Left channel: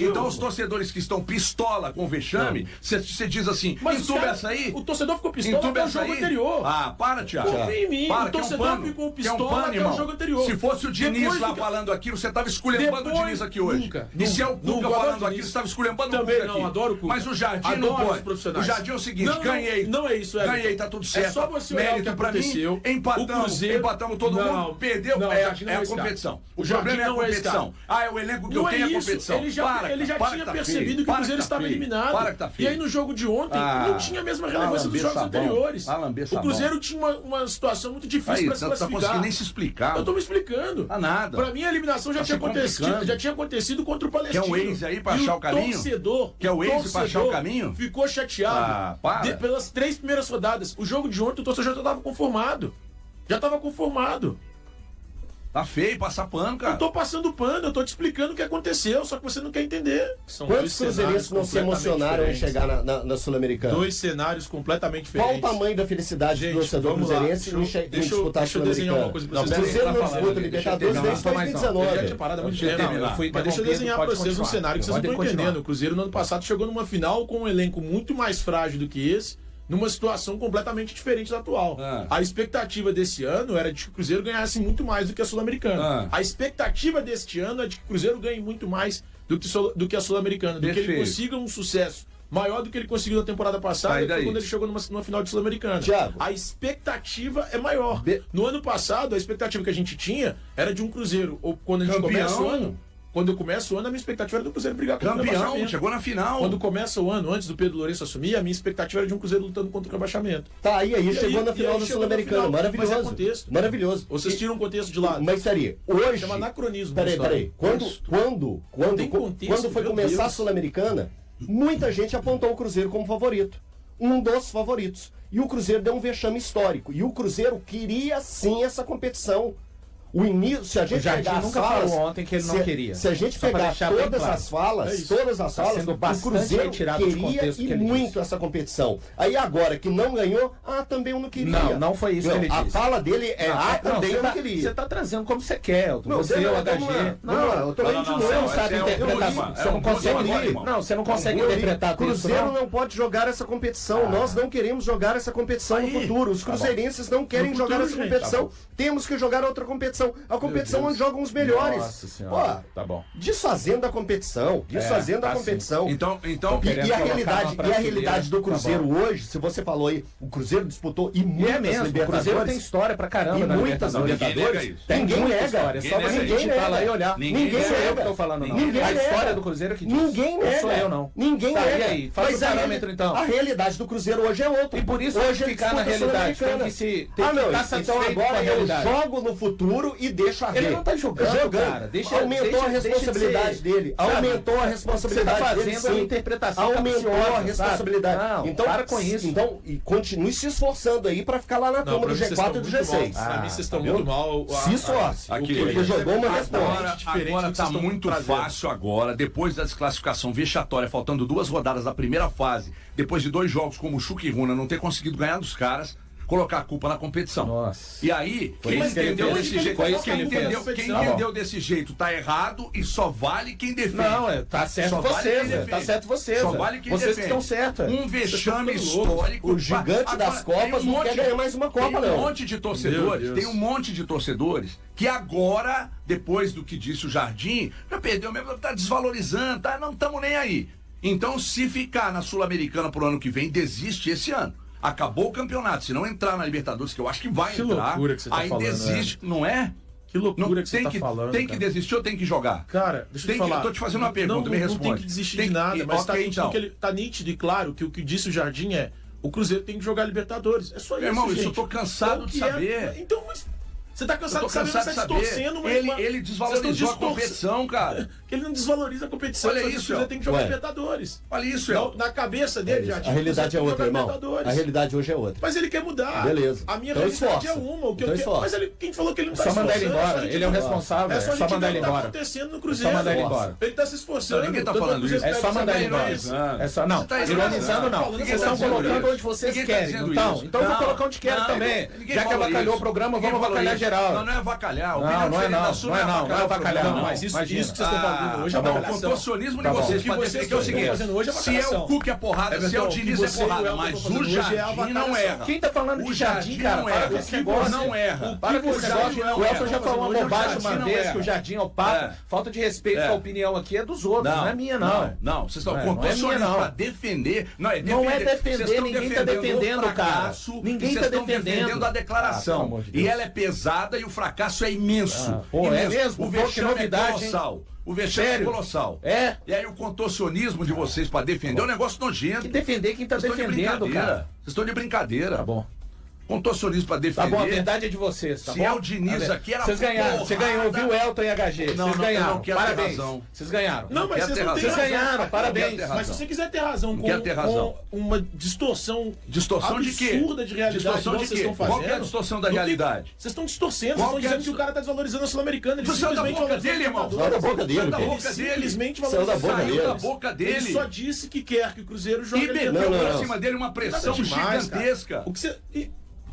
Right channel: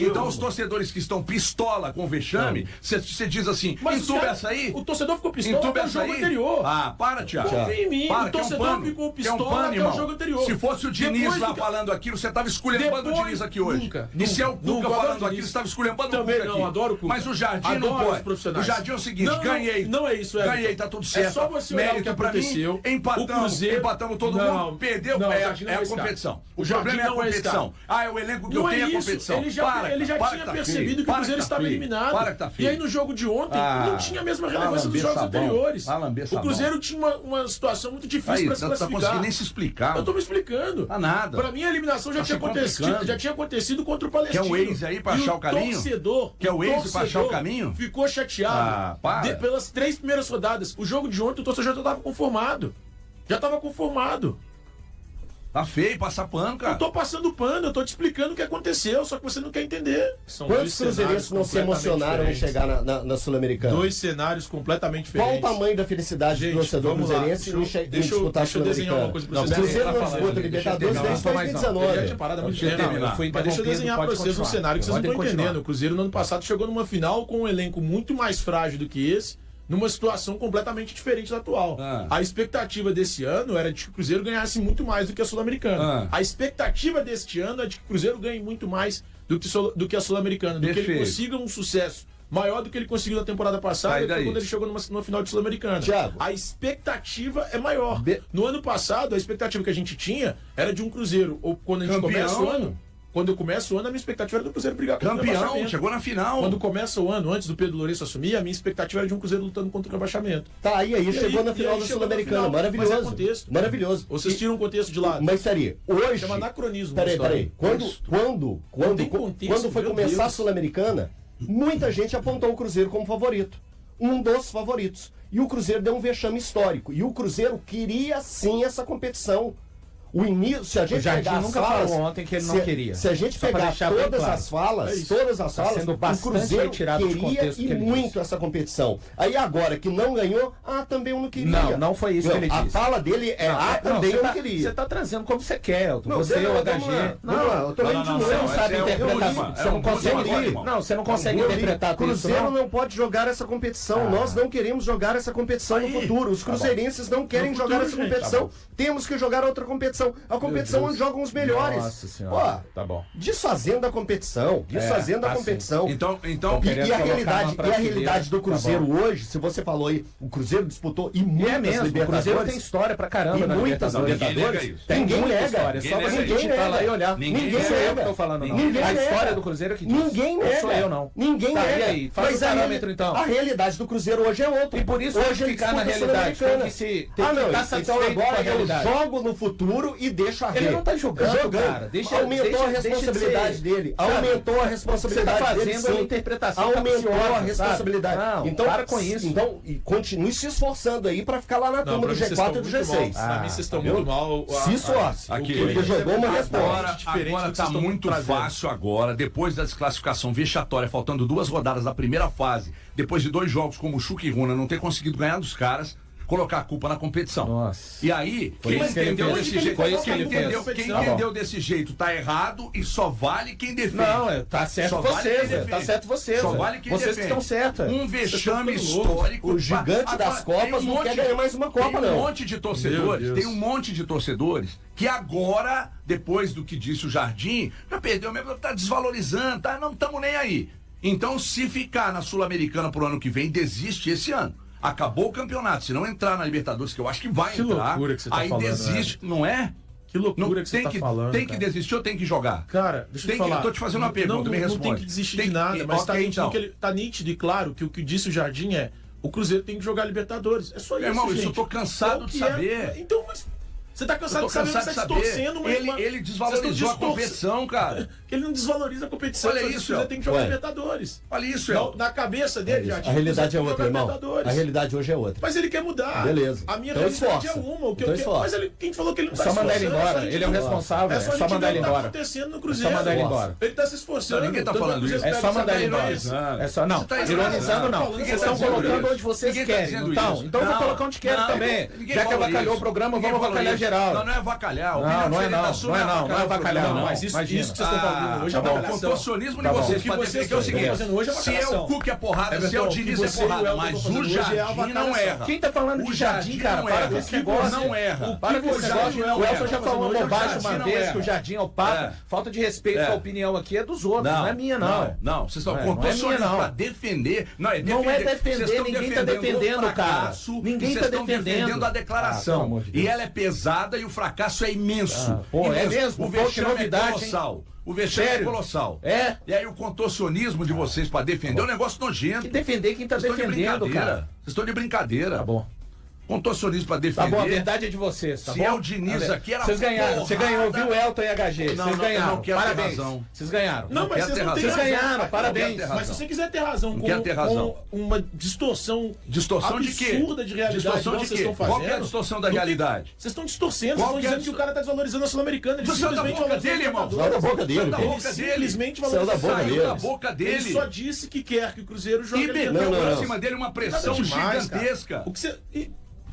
Então os torcedores que estão pistola com o vexame, você diz assim, entuba essa aí? O torcedor ficou pistola até o jogo anterior. Ah, para, Thiago. Confia em mim, o torcedor ficou pistola até o jogo anterior. Se fosse o Diniz lá falando aquilo, você estava esculhambando o Diniz aqui hoje. E se é o Cuca falando aquilo, você estava esculhambando o Cuca aqui. Também não, adoro o Cuca. Mas o Jardim não pode. O Jardim é o seguinte, ganhei. Não é isso, ganhei, tá tudo certo. É só você olhar o que aconteceu. Empatamos todo mundo, perdeu, é a competição. O problema é a competição. Ah, é o elenco que eu tenho, é a competição. Ele já tinha percebido que o Cruzeiro estava eliminado. E aí no jogo de ontem não tinha a mesma relevância dos jogos anteriores. O Cruzeiro tinha uma situação muito difícil para se classificar. Não conseguindo nem se explicar. Eu tô me explicando. Nada. Para mim a eliminação já tinha acontecido contra o Palestino. Quer o ex aí para achar o caminho? Quer o ex para achar o caminho? Ficou chateado pelas 3 primeiras rodadas. O jogo de ontem o torcedor já estava conformado. Tá feio, passa pano, cara. Eu tô passando pano, eu tô te explicando o que aconteceu, só que você não quer entender. Quantos cruzeirenses não se emocionaram em chegar na Sul-Americana? 2 cenários completamente diferentes. Qual o tamanho da felicidade do torcedor cruzeirense em disputar a Sul-Americana? O Cruzeiro não disputa Libertadores desde 2019. Mas deixa eu desenhar pra vocês um cenário que vocês não estão entendendo. O Cruzeiro no ano passado chegou numa final com um elenco muito mais frágil do que esse, numa situação completamente diferente da atual. A expectativa desse ano era de que o Cruzeiro ganhasse muito mais do que a Sul-Americana. A expectativa deste ano é de que o Cruzeiro ganhe muito mais do que a Sul-Americana, do que ele consiga um sucesso maior do que ele conseguiu na temporada passada, quando ele chegou numa final de Sul-Americana. A expectativa é maior. No ano passado, a expectativa que a gente tinha era de um Cruzeiro, ou quando a gente começa o ano... Quando eu começo o ano, a minha expectativa era do Cruzeiro brigar contra o rebaixamento. Chegou na final. Quando começa o ano, antes do Pedro Lourenço assumir, a minha expectativa era de um Cruzeiro lutando contra o rebaixamento. Aí chegou na final da Sul-Americana. Maravilhoso. Mas é contexto. Maravilhoso. Vocês tiram o contexto de lado. Mas seria, hoje... Chama anacronismo. Peraí. Quando foi começar a Sul-Americana, muita gente apontou o Cruzeiro como favorito. Um dos favoritos. E o Cruzeiro deu um vexame histórico. E o Cruzeiro queria sim essa competição. O início, se a gente pegar as falas, ontem que ele não queria. Se a gente pegar todas as falas, o Cruzeiro queria e muito essa competição. Aí agora que não ganhou, também eu não queria. Não foi isso que ele disse. A fala dele também eu não queria. Você tá trazendo como você quer, Elton. Você, o HG. Eu tô lendo de novo. Você não sabe interpretar. Você não consegue ler. Você não consegue interpretar tudo. O Cruzeiro não pode jogar essa competição. Nós não queremos jogar essa competição no futuro. Os cruzeirenses não querem jogar essa competição. Temos que jogar outra competição. A competição onde jogam os melhores. Nossa senhora. Tá bom. Desfazendo a competição. Desfazendo a competição. Então, e a realidade do Cruzeiro hoje, se você falou aí, o Cruzeiro disputou muitas Libertadores. O Cruzeiro tem história pra caramba na Libertadores. Ninguém nega. História. Só pra gente ir lá e olhar. Ninguém nega. Eu tô falando não. A história do Cruzeiro que diz. Ninguém nega. Não sou eu não. Ninguém nega. E aí? Faz o parâmetro então. A realidade do Cruzeiro hoje é outra. E por isso hoje ficar na realidade tem que se estar satisfeito com a realidade. Eu jogo no futuro e deixo a Ele não tá jogando, cara. Aumentou a responsabilidade dele. Aumentou a responsabilidade dele. Você tá fazendo a interpretação. Aumentou a responsabilidade. Não, então, para com isso. Então, e continue se esforçando aí pra ficar lá na turma do G4 e do G6. Pra mim, vocês estão muito mal. Se esforce. Porque jogou uma resposta. Agora tá muito fácil agora, depois da desclassificação vexatória, faltando 2 rodadas da primeira fase, depois de 2 jogos como o Chuca e Runa não ter conseguido ganhar dos caras, colocar a culpa na competição. Nossa. E aí, quem entendeu desse jeito tá errado e só vale quem defende. Não, tá certo vocês. Tá certo vocês. Só vale quem vocês defende. Que estão certos. Um vexame histórico. O gigante das Copas não quer ganhar mais uma Copa, não. Tem um monte de torcedores que agora, depois do que disse o Jardim, já perdeu mesmo, tá desvalorizando, não estamos nem aí. Então, se ficar na Sul-Americana pro ano que vem, desiste esse ano. Acabou o campeonato. Se não entrar na Libertadores, que eu acho que vai entrar, loucura que você tá aí falando, desiste, não é? Que loucura que você tá falando. Tem que desistir ou tem que jogar? Cara, deixa eu te falar. Eu tô te fazendo uma pergunta, me responde. Não tem que desistir de nada, mas tá nítido e claro que o que disse o Jardim é: o Cruzeiro tem que jogar Libertadores. É só isso, irmão, gente. isso eu tô cansado de saber. Então, mas... Você tá cansado de saber, mas você tá torcendo, ele desvalorizou a competição, cara. Ele não desvaloriza a competição. Olha isso, você tem que jogar Libertadores. Olha isso, na cabeça dele, já. A realidade é outra, irmão. A realidade hoje é outra. Mas ele quer mudar. Beleza. A minha realidade é uma. O que eu quero. Mas quem falou que ele não tá se esforçando? Só mandar ele embora. Ele é o responsável. É só mandar ele embora. Tá acontecendo no Cruzeiro. É só mandar ele embora. Ele tá se esforçando. Ninguém tá falando isso. É só mandar ele embora. É só não. Ironizando não. Vocês estão colocando onde vocês querem. Então eu vou colocar onde quero também. Já que avacalhou o programa, vamos avacalhar geral. Não é avacalhar. Não é avacalhar. Mas isso que vocês estão falando. hoje é o contorcionismo de vocês para defender que é o seguinte, se é o Cuca é porrada, se é o Diniz é porrada, mas o Jardim não erra. Quem tá falando de Jardim, cara? Para com esse negócio. Não erra. Para com esse negócio. O Elton já falou uma bobagem uma vez que o Jardim é o Papa. Falta de respeito, a opinião aqui é dos outros, não é minha, não. Não, vocês estão contorcionando para defender. Não é defender, ninguém tá defendendo, cara. Ninguém tá defendendo a declaração. E ela é pesada e o fracasso é imenso. É mesmo? O vexame é colossal. O vexame é colossal. É. E aí o contorcionismo de vocês para defender é um negócio nojento. E defender quem tá defendendo, cara. Vocês estão de brincadeira. Tá bom. Contorcionismo pra defender. Tá bom, a verdade é de vocês, tá bom? Se é o Diniz aqui, era vocês ganharam, você ganhou, viu, Elton e HG? Vocês ganharam, parabéns. Vocês ganharam. Não, mas vocês ganharam, parabéns. Mas se você quiser ter razão com uma distorção de quê? Absurda de realidade, distorção de quê? Qual é a distorção da realidade? Vocês estão distorcendo, vocês estão dizendo que o cara tá desvalorizando a Sul-Americana. Você saiu da boca dele, irmão. Saiu da boca dele. Simplesmente saiu da boca dele. Ele só disse que quer que o Cruzeiro jogue. E meteu pra cima dele uma pressão gigantesca. O que você...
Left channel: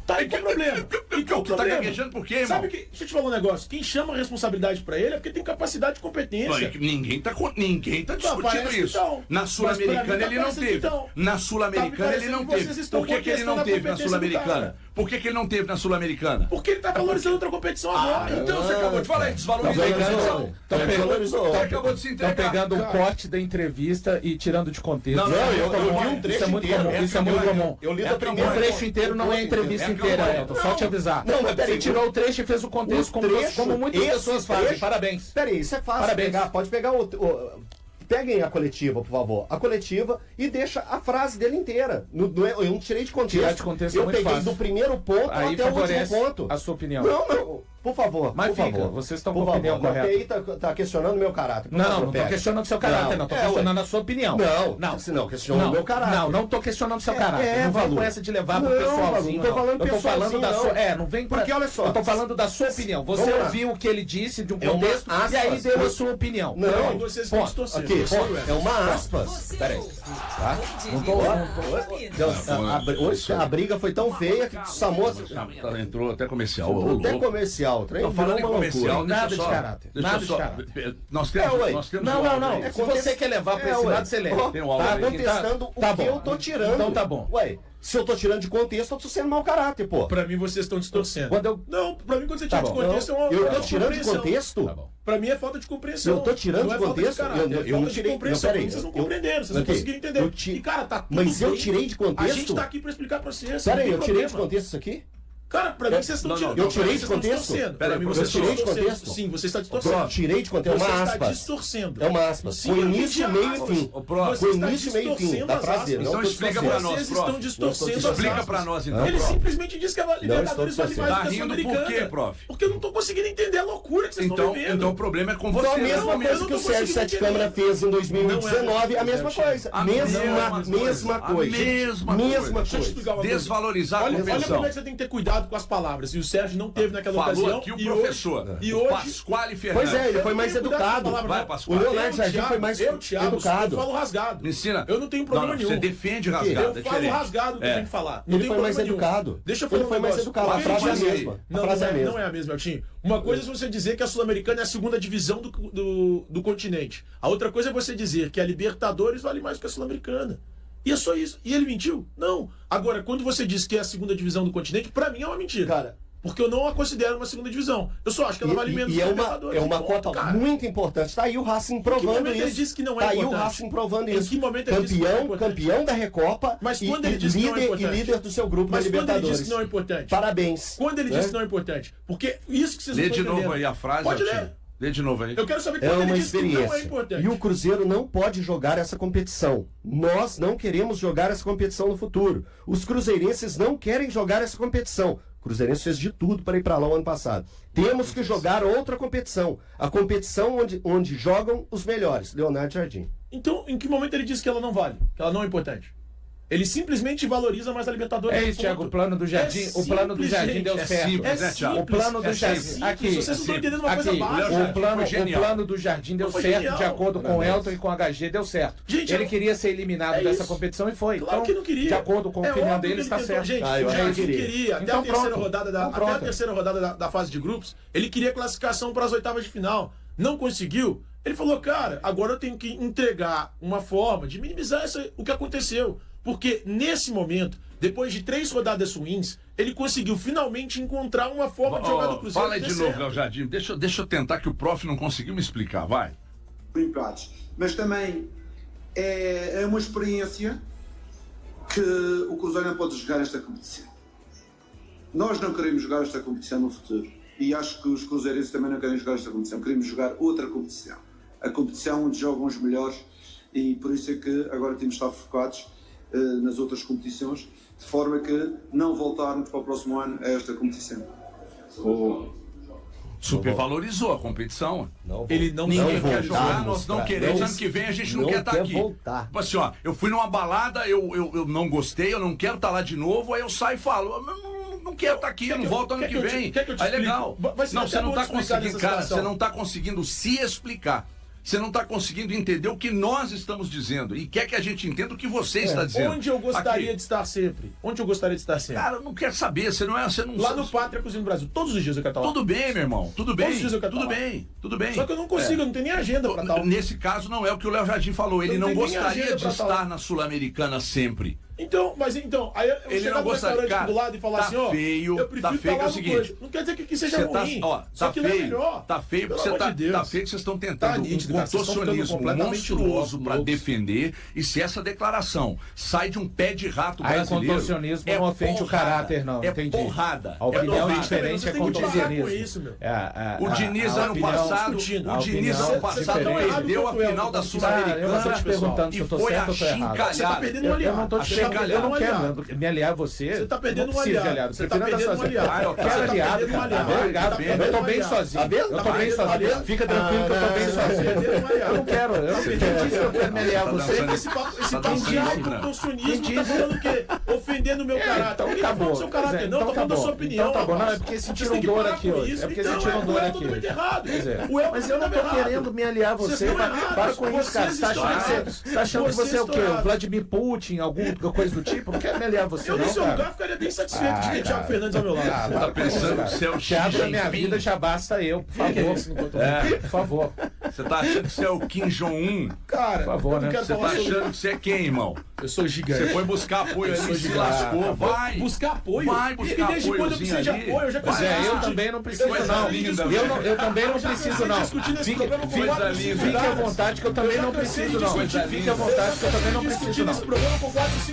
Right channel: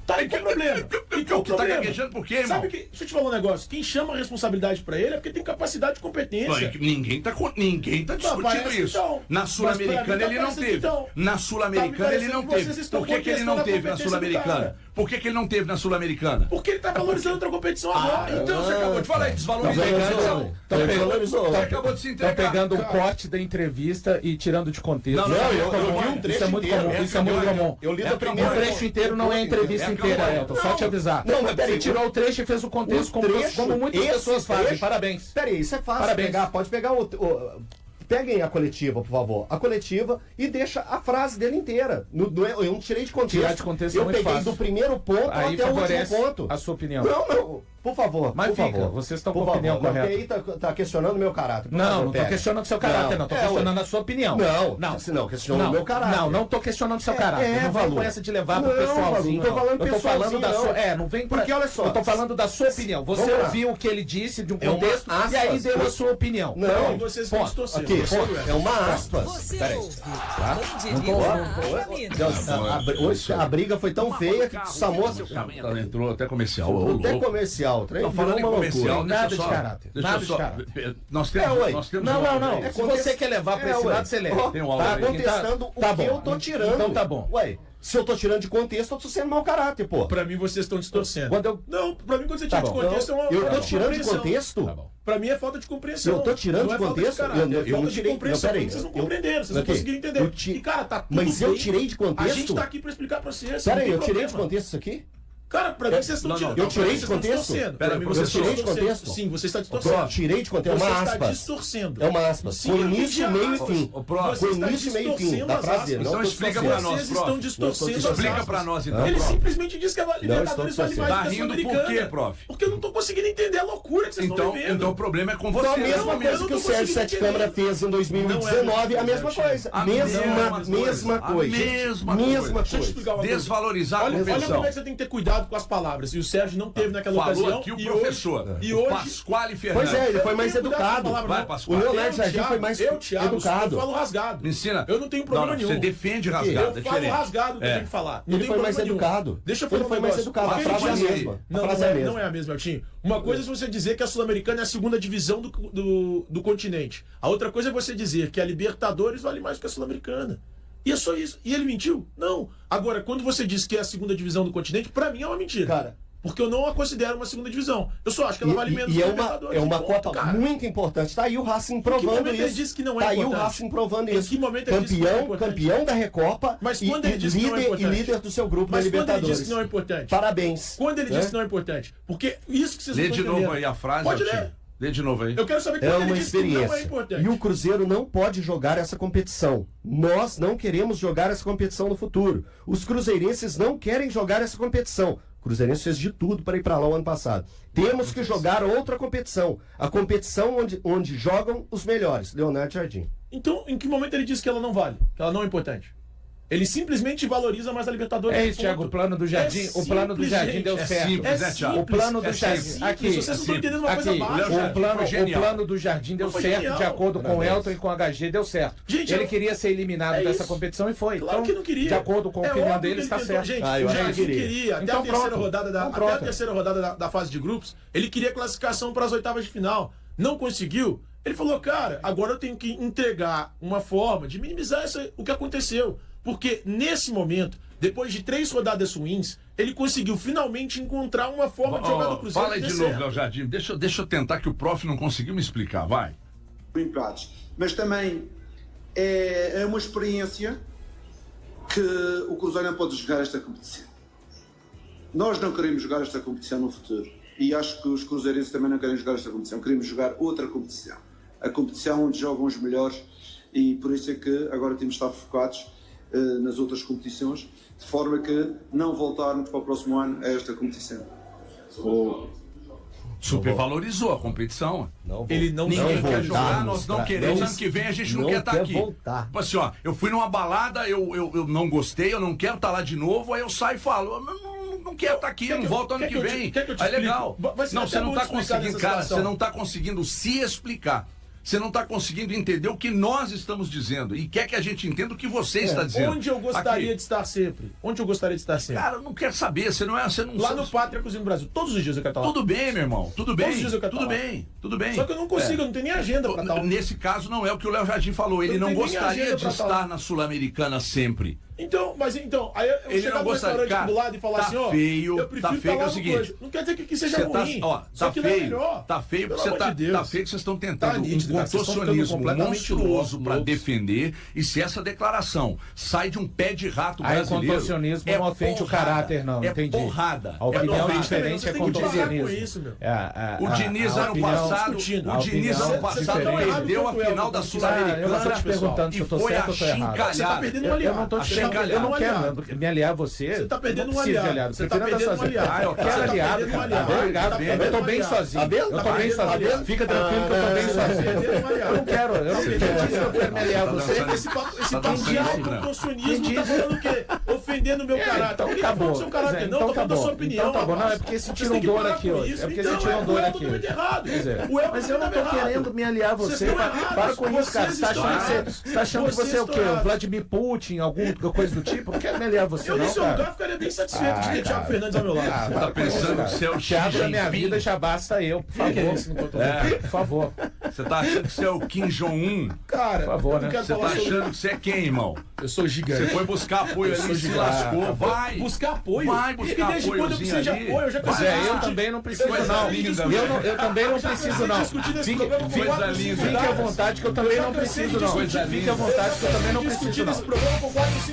Tá, e qual o problema? Tá gaguejando por quê, irmão? Sabe que, deixa eu te falar um negócio. Quem chama a responsabilidade pra ele é porque tem capacidade e competência. Ninguém tá discutindo isso. Então, na Sul-Americana ele não teve. Na Sul-Americana ele não teve. Por que ele não teve na Sul-Americana? Por que ele não teve na Sul-Americana? Porque ele tá valorizando outra competição agora. Então você acabou de falar, desvalorizou. Desvalorizou. Você acabou de se entregar. Estão pegando um corte da entrevista e tirando de contexto. Não, eu vi um trecho inteiro. Isso é muito comum. Eu li da primeira. O trecho inteiro não é entrevista inteira, Elton. Só te avisar. Não, mas peraí. Você tirou o trecho e fez o contexto como muitas pessoas fazem. Parabéns. Peraí, isso é fácil. Parabéns. Pode pegar Peguem a coletiva, por favor. A coletiva e deixa a frase dele inteira. Eu não tirei de contexto. Tirar de contexto eu é muito peguei fácil. do primeiro ponto aí até o último ponto. A sua opinião. Não. Por favor. Mas por fica, favor. vocês estão com a opinião correta. Porque aí tá questionando o meu caráter. Não estou questionando o seu caráter, não. Estou questionando a sua opinião. Não, questionando o meu caráter. Não estou questionando o seu caráter. Não vem com essa de levar pro pessoalzinho. Não tô falando da sua. Não vem pra... Porque olha só. Eu tô falando da sua opinião. Você ouviu o que ele disse de um contexto e aí deu a sua opinião. Não, vocês estão distorcendo. É uma aspas. Peraí. Hoje a briga foi tão feia que o Samoa entrou até comercial. Até comercial. Falando em comercial, nada de caráter. Nada de caráter. Nós temos. Não. Se você quer levar para esse lado, você leva. Tá contestando o que eu tô tirando. Então tá bom. Ué, se eu tô tirando de contexto, eu tô sendo mau caráter, pô. Pra mim, vocês estão distorcendo. Não, pra mim, quando você tira de contexto, eu tô tirando de contexto? Tá bom. Pra mim é falta de compreensão. Eu tô tirando de contexto? Eu não tirei. Vocês não compreenderam, vocês não conseguiram entender. E, cara, tá tudo Mas eu tirei de contexto? A gente tá aqui pra explicar pra vocês. Peraí, eu tirei de contexto isso aqui? Cara, pra mim vocês estão tirando. Eu tirei de contexto? Eu tirei de contexto? Sim, você está distorcendo. Eu tirei de contexto. É uma aspas. Você está distorcendo. É uma aspas. Foi início, meio e fim. Foi início, meio e fim da frase dele. Então explica pra nós, Vocês estão distorcendo. Explica pra nós, então. Ele simplesmente disse que a Libertadores vale mais que a Sul-Americana. Por quê, prof? Porque eu não tô conseguindo entender a loucura que vocês estão vivendo. Então o problema é com você. Então a mesma coisa que o Sérgio Sete Câmara fez em 2019, a mesma coisa. Mesma coisa. Deixa eu explicar uma coisa. Desvalorizar a competição. Olha como é que você tem que ter cuidado com as palavras. O Sérgio não teve naquela ocasião. Falou aqui o professor. E hoje, Pasquale Fernandes. Pois é, ele foi mais educado. Vai, Pasquale. O Leonardo Jardim foi mais educado. Eu falo rasgado. Me ensina. Eu não tenho problema nenhum. Você defende rasgado. Eu falo rasgado o que eu tenho que falar. Ele foi mais educado. Deixa eu falar. Ele foi mais educado. A frase é a mesma. Não é a mesma, Eltinho. Uma coisa é você dizer que a Sul-Americana é a segunda divisão do continente. A outra coisa é você dizer que a Libertadores vale mais que a Sul-Americana. E é só isso. E ele mentiu? Não. Agora, quando você diz que é a segunda divisão do continente, pra mim é uma mentira. Cara, porque eu não a considero uma segunda divisão. Eu só acho que ela vale menos que a Libertadores. É uma Copa muito importante. Tá aí o Racing provando isso. Ele disse que não é tá importante. Aí o Racing provando isso. Em que momento ele disse que não é importante? Campeão da Recopa. Mas quando ele disse que não é importante? E líder do seu grupo na Libertadores. Quando ele disse que não é importante? Parabéns. Quando ele disse que não é importante? Porque isso que vocês não estão entendendo. Lê de novo aí a frase. Pode ler. Lê de novo aí. Eu quero saber quando ele disse que não é importante. E o Cruzeiro não pode jogar essa competição. Nós não queremos jogar essa competição no futuro. Os cruzeirenses não querem jogar essa competição. O Cruzeirense fez de tudo para ir para lá o ano passado. Temos que jogar outra competição. A competição onde jogam os melhores. Leonardo Jardim. Então, em que momento ele disse que ela não vale? Que ela não é importante? Ele simplesmente valoriza mais a Libertadores. É isso, Thiago. O plano do Jardim, o plano do Jardim deu certo. Simples, né, Thiago? O plano do Jardim. Aqui. Vocês não estão entendendo uma coisa básica. O plano do Jardim deu certo, de acordo com o Elton e com o HG, deu certo. Gente, ele queria ser eliminado dessa competição e foi. Claro que não queria. De acordo com a opinião dele, está certo. Gente, o Jardim queria. Até a terceira rodada da fase de grupos, ele queria classificação para as oitavas de final. Não conseguiu. Ele falou, cara, agora eu tenho que entregar uma forma de minimizar o que aconteceu. Porque nesse momento, depois de 3 rodadas ruins, ele conseguiu finalmente encontrar uma forma de jogar no Cruzeiro. Fala aí de novo, Léo Jardim. Deixa eu tentar, que o prof não conseguiu me explicar, vai. Empates. Mas também é uma experiência que o Cruzeiro não pode jogar esta competição. Nós não queremos jogar esta competição no futuro. E acho que os cruzeirenses também não querem jogar esta competição. Queremos jogar outra competição. A competição onde jogam os melhores. E por isso é que agora temos de estar focados nas outras competições, de forma que não voltarmos para o próximo ano a esta competição. Supervalorizou a competição. Ele não quer jogar, nós não queremos. Ano que vem a gente não quer estar aqui. Voltar. Tipo assim, ó, eu fui numa balada, eu não gostei, eu não quero estar lá de novo, aí eu saio e falo, não quero estar aqui, eu não volto ano que vem. Aí legal. Não, você não está conseguindo, cara, você não está conseguindo se explicar. Você não está conseguindo entender o que nós estamos dizendo e quer que a gente entenda o que você está dizendo. Onde eu gostaria de estar sempre? Onde eu gostaria de estar sempre? Cara, eu não quero saber, você não Lá no Pátria Cozinha do Brasil, todos os dias eu quero estar lá. Tudo bem, meu irmão, tudo bem. Todos os dias eu quero estar lá. Tudo bem. Só que eu não consigo, eu não tenho nem agenda para tal. Nesse caso não é o que o Léo Jardim falou, ele não gostaria de estar na Sul-Americana sempre. Então, aí eu ele chegar no restaurante do lado e falar assim, ó, eu prefiro estar lá no coisa. Não quer dizer que seja ruim, só que não é melhor. Tá feio porque vocês estão tentando um contorcionismo monstruoso para defender, e se essa declaração sai de um pé de rato brasileiro... Aí contorcionismo não ofende o caráter, não, entendi. É porrada. A opinião diferente é contorcionismo. O Diniz ano passado perdeu a final da Sul-Americana e foi achincalhado. Você tá perdendo uma aliada. Eu não quero me aliar a você. Você tá perdendo um aliado. Você tá perdendo um aliado. Eu quero aliado, cara. Eu tô bem sozinho. Eu tô bem sozinho. Fica tranquilo que eu tô bem sozinho. Eu não quero. Eu quero me aliar a você. Esse papo de autocontorcionismo tá falando o quê? Ofendendo o meu caráter. Então acabou. Seu caráter, não, tá falando da sua opinião. Então tá bom. Não, é porque sentiram dor aqui hoje. É porque sentiram dor aqui hoje. Mas eu não tô querendo me aliar a você. Para com isso, cara. Você tá achando que você é o quê? O Vladimir Putin, alguma coisa do tipo? Não quero me aliar a você, não, cara. Eu, nesse lugar, ficaria bem satisfeito de ter Thiago Fernandes ao meu lado. Tá pensando que você é o Xi Jinping? Da minha vida já basta eu, por favor. Por favor. Você tá achando que você é o Kim Jong-un? Cara, por favor, né? Você tá achando que você é quem, irmão? Eu sou gigante. Você foi buscar apoio ali, se lascou. Vai! Buscar apoio? Vai buscar apoio. Desde quando eu preciso de apoio? Eu já preciso. Eu também não preciso, não. Eu também não preciso, não. Fique à vontade que eu também não preciso, não. Fique à vontade que eu também não preciso, não.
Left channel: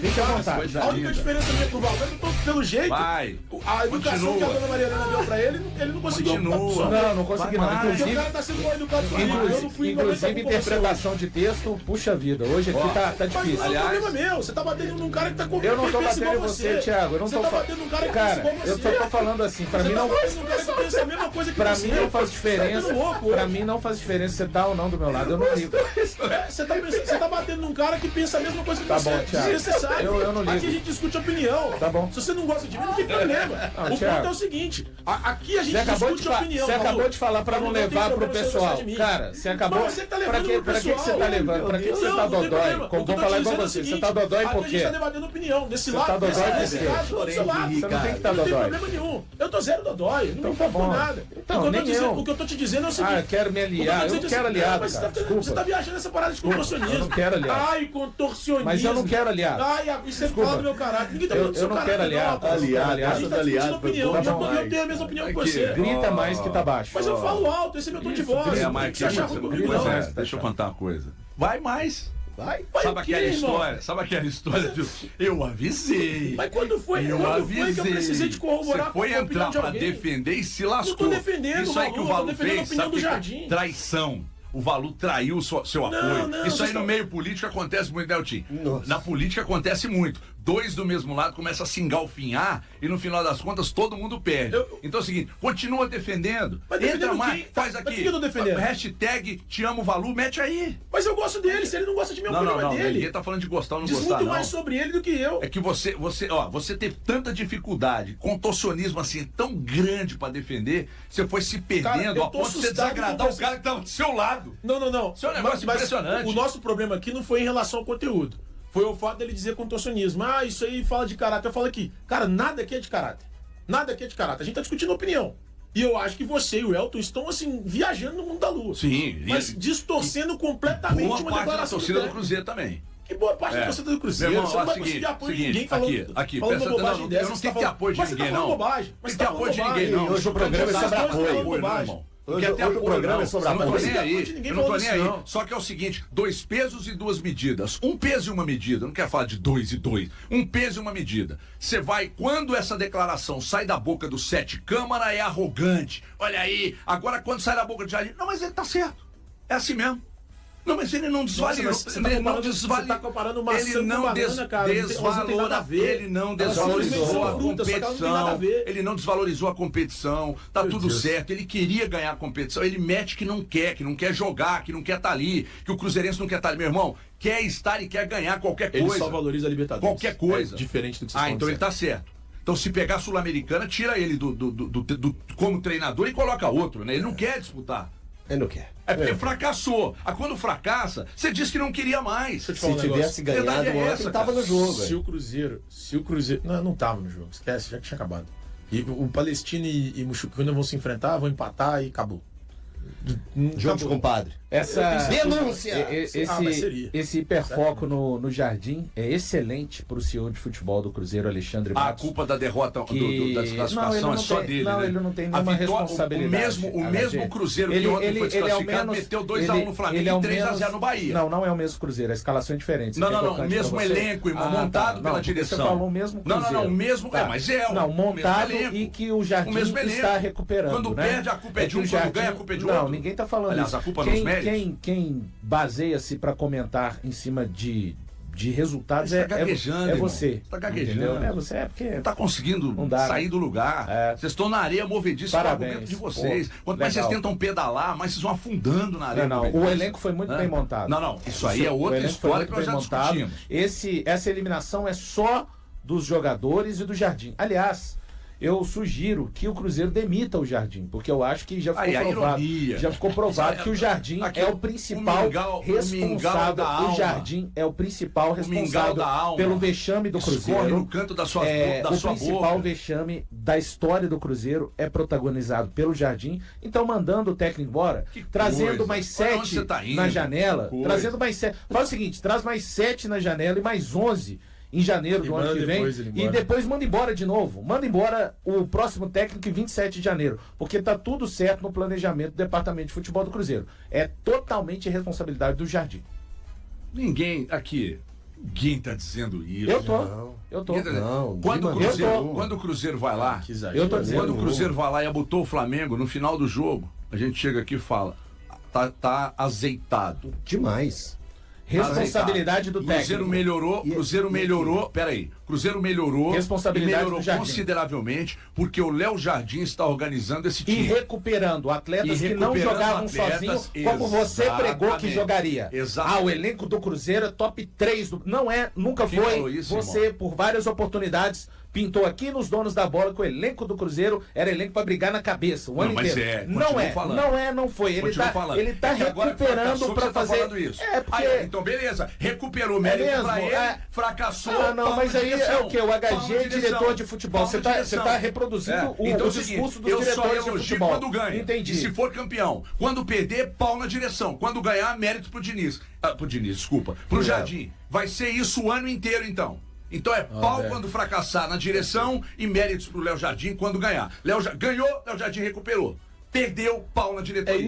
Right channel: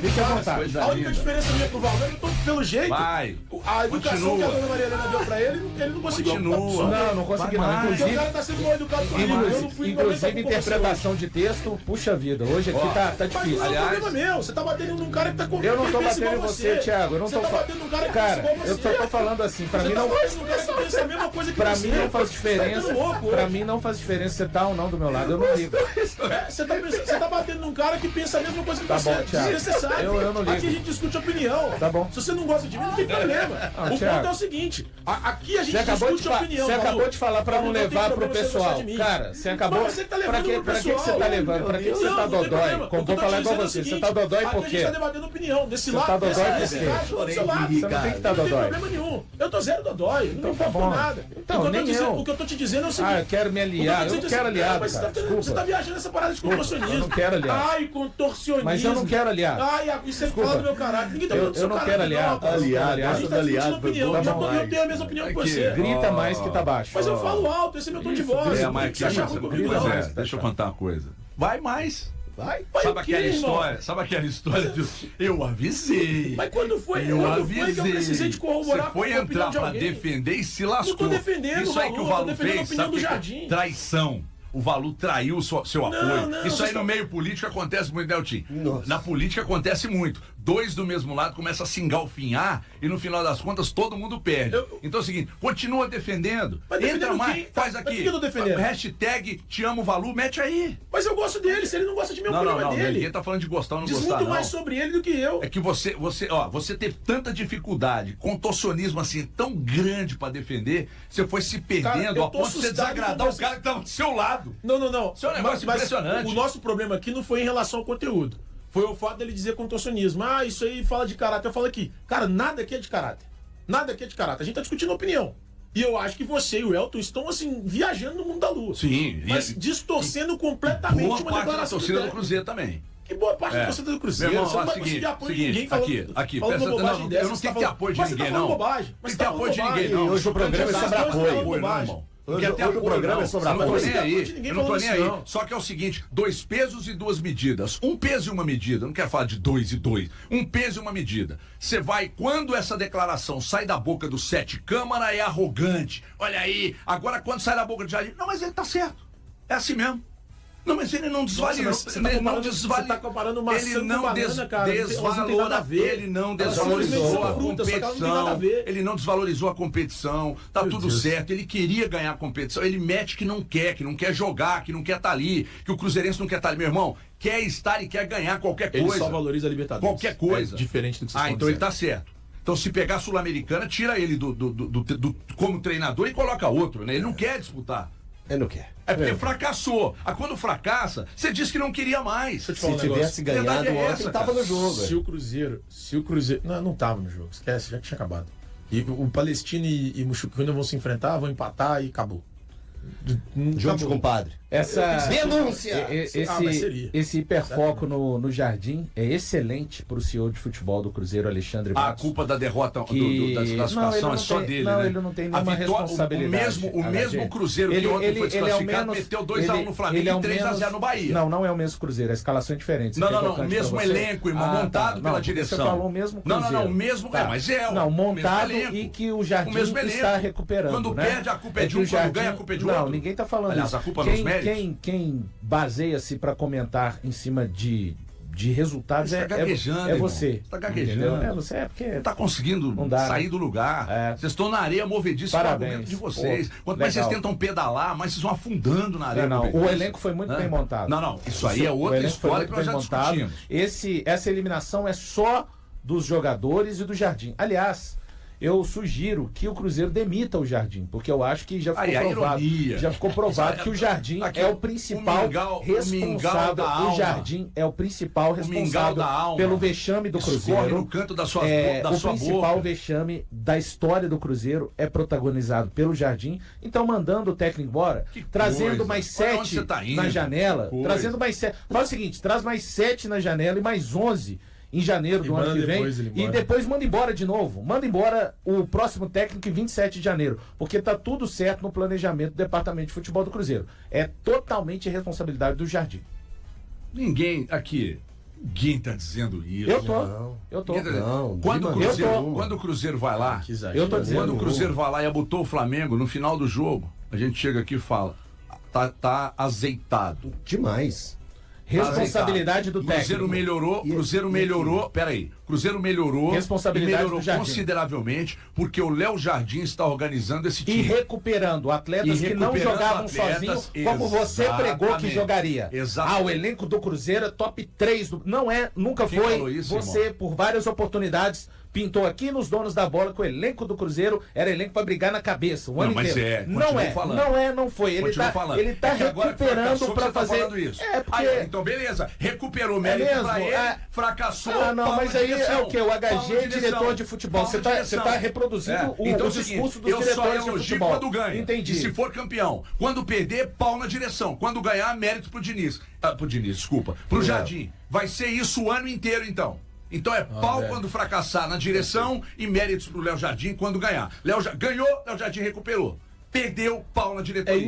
Fique à vontade. A única diferença minha pro Valdir, eu tô pelo jeito. Vai. A educação que a dona Maria Helena deu pra ele não conseguiu. Não consegui, não. Porque o cara tá sendo mal educado comigo. Inclusive, interpretação de texto, puxa vida. Hoje aqui tá difícil. Mas não é um problema meu. Você tá batendo num cara que tá com. Eu não tô batendo em você, Thiago. Eu não tô batendo num cara que cara, eu só tô falando assim. Pra mim não. Pra mim não faz diferença. Pra mim não faz diferença você tá ou não do meu lado. Eu não ligo. Você tá batendo num cara que pensa a mesma coisa que você. Tá bom, Thiago. Eu não ligo. Aqui a gente discute opinião. Tá bom. Se você não gosta de mim, não tem problema. O ponto é o seguinte: aqui a gente discute opinião. Você acabou de falar pra não levar pro pessoal. Cara, você acabou. Pra que você tá levando? Pra que você tá dodói? Vou falar igual você. Você tá dodói por quê? A gente tá debatendo opinião. Desse lado, tá dodói por quê? Você não tem que estar dodói. Não tem problema nenhum. Eu tô zero dodói. Não me importa nada. O que eu tô te dizendo é o seguinte. Eu quero me aliar. Eu não quero aliado, cara. Você tá viajando nessa parada de contorcionismo. Eu não quero aliado. Ai, contorcionismo. Mas eu não quero aliado. Ai, isso é fala do meu caráter. Ninguém tá falando do seu caráter. Eu não quero aliado. A gente tá discutindo opinião. Eu tenho a mesma opinião que você. Grita mais que tá baixo. Mas eu falo alto. Esse é meu tom de voz. Deixa eu contar uma coisa. Vai mais. Vai sabe aquela história de eu avisei. Mas quando foi que eu precisei de corroborar com a opinião de alguém? Você foi entrar pra defender e se lascou. Não tô defendendo, isso aí que o Valu fez, sabe do Jardim. Traição. O Valu traiu seu apoio. Não, isso aí no meio político acontece muito, Deltim. Na política acontece muito. Dois do mesmo lado começam a se engalfinhar e no final das contas todo mundo perde. Então é o seguinte, continua defendendo. Entra mais, faz aqui. Mas que eu tô defendendo? Hashtag te amo Valu, mete aí. Mas eu gosto dele, se ele não gosta de mim, o problema é dele. Ninguém tá falando de gostar ou não Diz gostar, muito mais sobre ele do que eu. É que você teve tanta dificuldade, contorcionismo assim tão grande pra defender, você foi se perdendo a ponto de você desagradar o cara que tava do seu lado. Não. Isso é um negócio impressionante. O nosso problema aqui não foi em relação ao conteúdo. Foi o fato dele dizer contorcionismo. Isso aí fala de caráter. Eu falo aqui, cara, nada aqui é de caráter. Nada aqui é de caráter. A gente tá discutindo opinião. E eu acho que você e o Elton estão, assim, viajando no mundo da lua. Sim. Mas distorcendo completamente uma declaração parte da torcida do Cruzeiro também. Que boa parte da torcida do Cruzeiro. Irmão, você não vai conseguir apoio de ninguém falando bobagem dessa. Eu não tenho que ter apoio de ninguém, não. Bobagem. Não tem que ter apoio de ninguém, não. Hoje o programa é sobre apoio, irmão. Hoje o programa é sobre apoio. Eu não tô nem aí. Só que é o seguinte, 2 pesos e 2 medidas. 1 peso e 1 medida. Eu não quero falar de 2 e 2. 1 peso e 1 medida. Você vai, quando essa declaração sai da boca do Sete Câmara, é arrogante. Olha aí, agora quando sai da boca do Jardim, não, mas ele tá certo. É assim mesmo. Não, mas ele não desvaloriza. Você tá comparando maçã com banana, cara. Ele não desvalorizou a competição. Ele não desvalorizou a competição. Tá tudo certo. Ele queria ganhar a competição. Ele mete que não quer jogar, que não quer estar ali, que o Cruzeirense não quer estar ali. Meu irmão, quer estar e quer ganhar qualquer coisa. Ele só valoriza a Libertadores. Qualquer coisa. É diferente do que você então ele tá certo. Então, se pegar a Sul-Americana, tira ele como treinador e coloca outro, né? Ele não quer disputar. Ele não quer. É porque fracassou. Quando fracassa, você diz que não queria mais. Se tivesse ganhado ontem, ele tava no jogo. Se o Cruzeiro... Não tava no jogo. Esquece, já tinha acabado. E o Palestino e Muxucuna vão se enfrentar, vão empatar e acabou. Jogo de compadre. Essa denúncia. Esse hiperfoco no Jardim é excelente para o CEO de futebol do Cruzeiro, Alexandre Matos. A culpa da derrota da desclassificação é só dele, não, né? ele não tem nenhuma responsabilidade. O mesmo Cruzeiro que ontem foi desclassificado meteu 2-1 no Flamengo e 3-0 no Bahia. Não é o mesmo Cruzeiro, a escalação é diferente. Não, o mesmo elenco, irmão, montado pela direção. Você falou o mesmo Cruzeiro. Não, o mesmo, mas é não, montado e que o Jardim está recuperando. Quando perde, a culpa é de um, quando ganha, a culpa é de outro. Não, ninguém está falando isso. Aliás, a culpa nos méritos. Quem baseia-se para comentar em cima de resultados é você. Tá gaguejando. Você é porque não tá conseguindo sair do lugar. Vocês estão na areia movediça com o argumento de vocês. Quanto mais vocês tentam pedalar, mais vocês vão afundando na areia. O elenco foi muito bem montado. Não, isso aí é outra história que nós já discutimos. Essa eliminação é só dos jogadores e do Jardim. Aliás, eu sugiro que o Cruzeiro demita o Jardim, porque eu acho que já ficou provado que o Jardim é o principal responsável. O Jardim é o principal responsável pelo vexame do Cruzeiro. No canto da sua o principal vexame da história do Cruzeiro é protagonizado pelo Jardim. Então, mandando o técnico embora, trazendo mais 7 na janela, trazendo mais 7. Faz o seguinte, traz mais 7 na janela e mais 11 em janeiro do ano que vem, e depois manda embora de novo. Manda embora o próximo técnico em 27 de janeiro, porque tá tudo certo no planejamento do Departamento de Futebol do Cruzeiro. É totalmente responsabilidade do Jardim. Ninguém tá dizendo isso. Eu tô. Quando o Cruzeiro vai lá, quando o Cruzeiro vai lá e abutou o Flamengo no final do jogo, a gente chega aqui e fala, tá azeitado. Demais. Responsabilidade do técnico. Cruzeiro melhorou. Peraí. Cruzeiro melhorou. Responsabilidade do Jardim. Consideravelmente, porque o Léo Jardim está organizando esse time. E recuperando atletas que não jogavam sozinhos, como você pregou que jogaria. Exatamente. O elenco do Cruzeiro é top 3. Não é, nunca foi. Isso, você, irmão? por várias oportunidades, pintou aqui nos Donos da Bola que o elenco do Cruzeiro era elenco para brigar na cabeça o ano inteiro. Não foi. Ele tá recuperando para fazer isso. Porque... Então, beleza. Recuperou mérito pra ele, fracassou. Mas aí é o que? O HG é diretor de futebol. Você tá reproduzindo o discurso dos diretores de futebol. Quando ganha. Entendi. E se for campeão. Quando perder, pau na direção. Quando ganhar, mérito pro Diniz. Pro Jardim. Vai ser isso o ano inteiro, então. Então é pau quando fracassar na direção e méritos pro Léo Jardim quando ganhar. Ganhou, Léo Jardim recuperou. Perdeu, pau na diretoria. É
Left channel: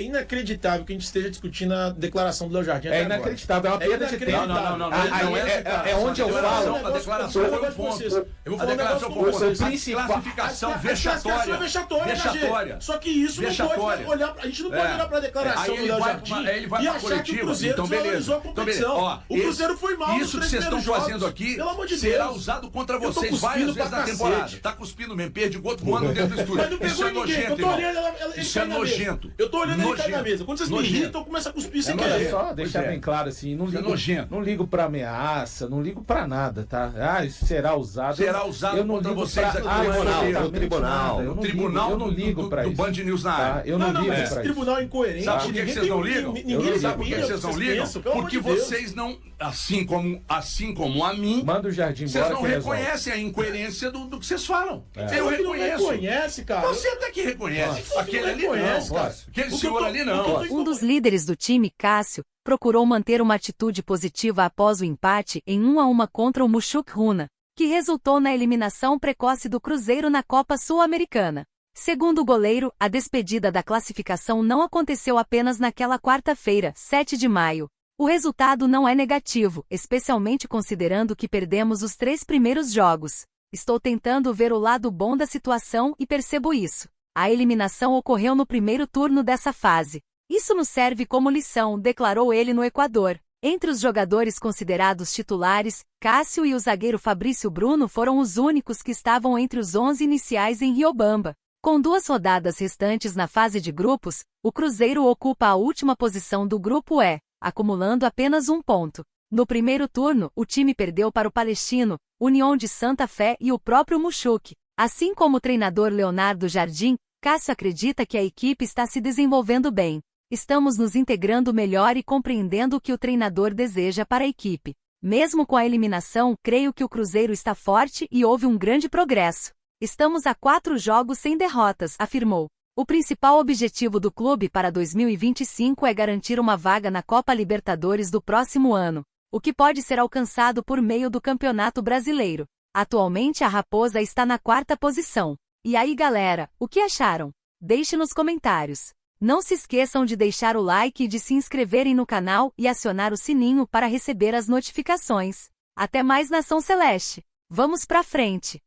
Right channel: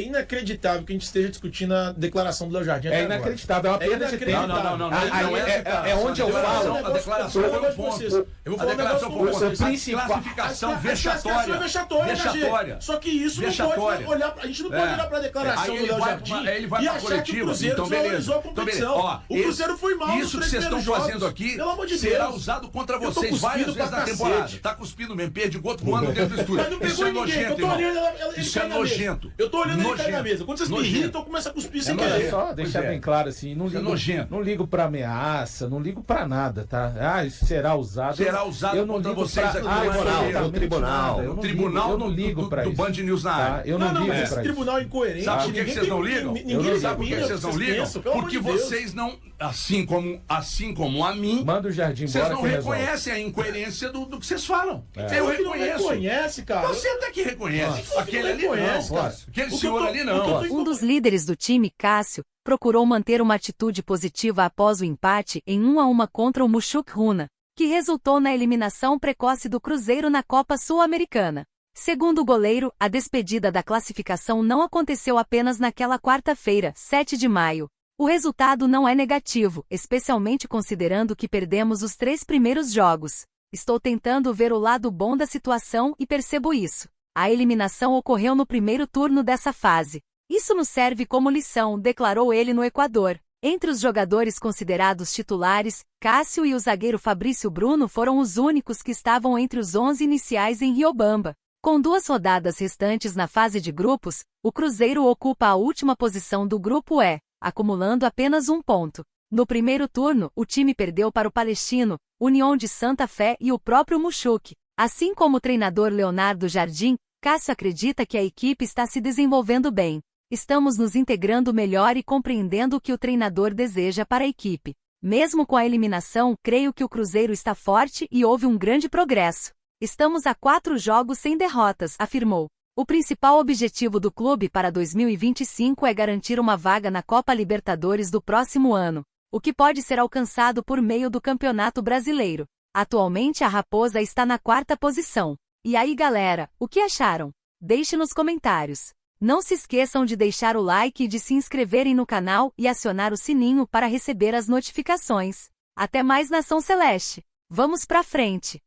inacreditável que a gente esteja discutindo a declaração do Léo Jardim. É inacreditável, é uma perda de tempo. Não. É onde eu falo. A declaração foi um ponto. Eu vou falar um negócio com você. Classificação vexatória. Só que isso não pode olhar. A gente não pode olhar pra declaração do Léo Jardim e achar que o Cruzeiro desvalorizou a competição. O Cruzeiro foi mal. Isso que vocês estão fazendo aqui será usado contra vocês várias vezes na temporada. Tá cuspindo mesmo, perde o outro voando dentro do estúdio. Mas não pegou ninguém. nojento, isso é nojento. Eu tô olhando ele cair na mesa. Quando vocês me irritam, eu começo a cuspir sem querer. Só deixar bem claro assim, não ligo pra ameaça, não ligo pra nada, tá? Ah, isso será usado. Será usado contra vocês aqui no tribunal. No tribunal eu não ligo pra isso. Do Band News na área. Eu não ligo pra isso. Esse tribunal é incoerente. Sabe por que vocês não ligam? Sabe por que vocês não ligam? Porque vocês não, assim como a mim, manda o Jardim embora. Vocês não reconhecem a incoerência do que vocês falam. Eu reconheço. Não reconhece, cara. Você até que reconhece. Aquele ali não. Aquele senhor ali não. Um dos líderes do time, Cássio, procurou manter uma atitude positiva após o empate em 1-1 contra o Mushuk Runa, que resultou na eliminação precoce do Cruzeiro na Copa Sul-Americana. Segundo o goleiro, a despedida da classificação não aconteceu apenas naquela quarta-feira, 7 de maio. O resultado não é negativo, especialmente considerando que perdemos os 3 primeiros jogos. Estou tentando ver o lado bom da situação e percebo isso. A eliminação ocorreu no primeiro turno dessa fase. Isso nos serve como lição, declarou ele no Equador. Entre os jogadores considerados titulares, Cássio e o zagueiro Fabrício Bruno foram os únicos que estavam entre os 11 iniciais em Riobamba. Com 2 rodadas restantes na fase de grupos, o Cruzeiro ocupa a última posição do grupo E, acumulando apenas 1 ponto. No primeiro turno, o time perdeu para o Palestino, União de Santa Fé e o próprio Mushuk. Assim como o treinador Leonardo Jardim, Cássio acredita que a equipe está se desenvolvendo bem. Estamos nos integrando melhor e compreendendo o que o treinador deseja para a equipe. Mesmo com a eliminação, creio que o Cruzeiro está forte e houve um grande progresso. Estamos a 4 jogos sem derrotas, afirmou. O principal objetivo do clube para 2025 é garantir uma vaga na Copa Libertadores do próximo ano, o que pode ser alcançado por meio do Campeonato Brasileiro. Atualmente a Raposa está na 4ª posição. E aí galera, o que acharam? Deixe nos comentários. Não se esqueçam de deixar o like e de se inscreverem no canal e acionar o sininho para receber as notificações. Até mais, Nação Celeste! Vamos pra frente!